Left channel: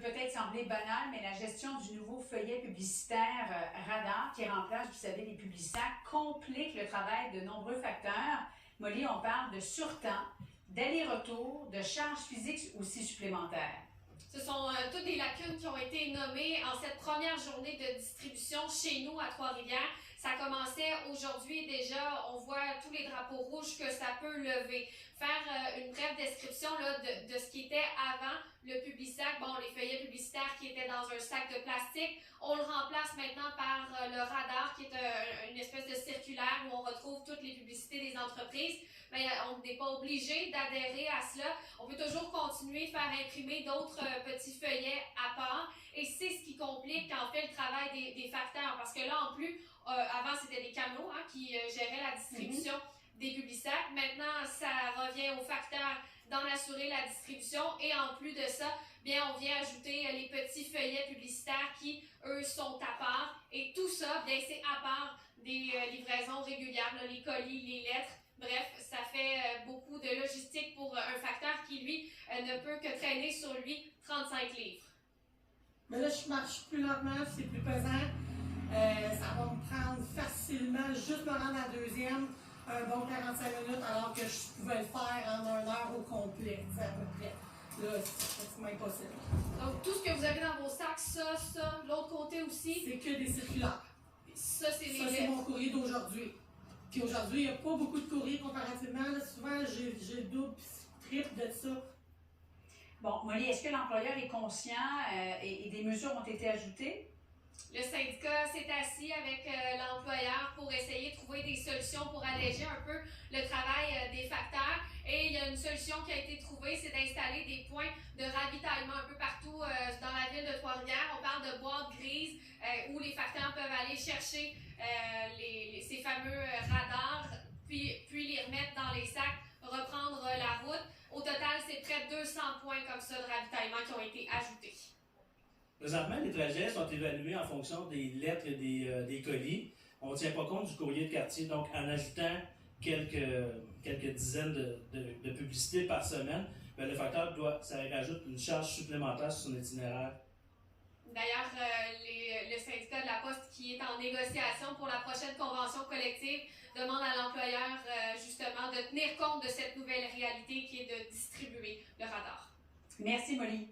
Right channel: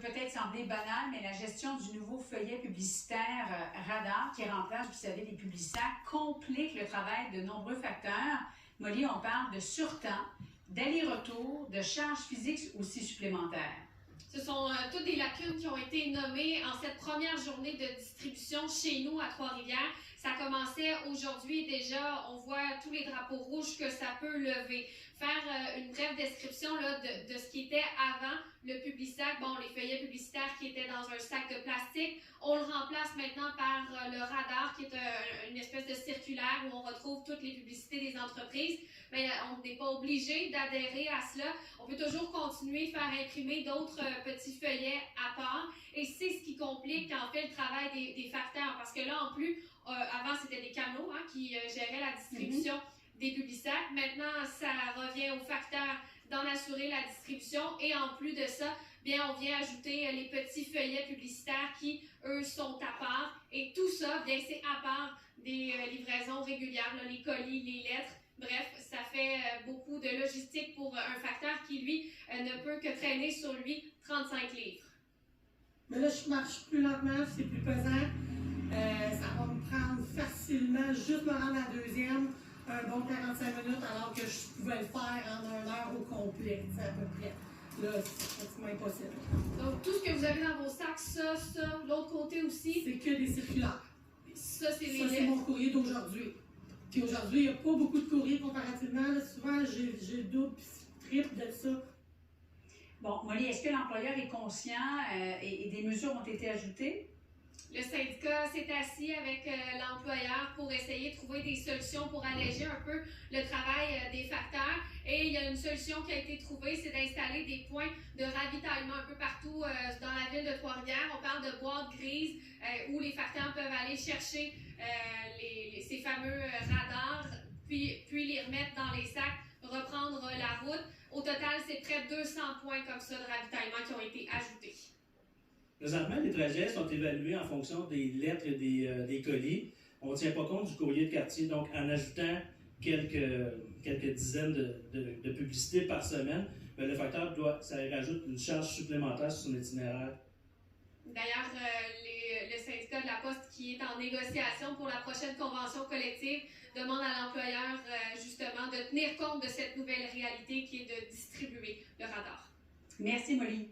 peut peut-être sembler banal, mais la gestion du nouveau feuillet publicitaire Radar, qui remplace, vous savez, les publicitaires, complique le travail de nombreux facteurs. Molly, on parle de surtemps, d'aller-retour, de charges physiques aussi supplémentaires. Ce sont toutes des lacunes qui ont été nommées en cette première journée de distribution chez nous à Trois-Rivières. Ça commençait aujourd'hui déjà, on voit tous les drapeaux rouges que ça peut lever. Faire une brève description là, de ce qui était avant le Publisac, bon, les feuillets publicitaires qui étaient dans un sac de plastique, on le remplace maintenant par le radar qui est une espèce de circulaire où on retrouve toutes les publicités des entreprises. Mais on n'est pas obligé d'adhérer à cela. On peut toujours continuer de faire imprimer d'autres petits feuillets à part. Et c'est ce qui complique en fait le travail des facteurs. Parce que là, en plus, avant, c'était des camions qui géraient la distribution des publicitaires. Maintenant, ça revient aux facteurs d'en assurer la distribution. Et en plus de ça, bien, on vient ajouter les petits feuillets publicitaires qui, eux, sont à part. Et tout ça, bien, c'est à part des livraisons régulières, là, les colis, les lettres. Bref, ça fait beaucoup de logistique pour un facteur qui, lui, ne peut que traîner sur lui 35 livres. Mais là, je marche plus lentement, c'est plus pesant. Ça va me prendre facilement, juste me rendre à la deuxième, un bon 45 minutes, alors que je pouvais le faire en 1 heure au complet, à peu près. Là, c'est pratiquement impossible. Donc, tout ce que vous avez dans vos sacs, ça, l'autre côté aussi. C'est que des circulaires. Ça, c'est mon courrier d'aujourd'hui. Puis aujourd'hui, il n'y a pas beaucoup de courriers comparativement. Là, souvent, j'ai double, triple de ça. Bon, Molly, est-ce que l'employeur est conscient et des mesures ont été ajoutées? Le syndicat s'est assis avec l'employeur pour essayer de trouver des solutions pour alléger un peu le travail des facteurs. Et il y a une solution qui a été trouvée, c'est d'installer des points de ravitaillement un peu partout dans la ville de Trois-Rivières. On parle de boîtes grises où les facteurs peuvent aller chercher ces fameux radars, puis les remettre dans les sacs, reprendre la route. Au total, c'est près de 200 points comme ça de ravitaillement qui ont été ajoutés. Présentement, les trajets sont évalués en fonction des lettres et des colis. On ne tient pas compte du courrier de quartier, donc en ajoutant quelques dizaines de publicités par semaine, bien, le facteur ça rajoute une charge supplémentaire sur son itinéraire. D'ailleurs, le syndicat de la Poste qui est en négociation pour la prochaine convention collective demande à l'employeur justement de tenir compte de cette nouvelle réalité qui est de distribuer le radar. Merci, Molly.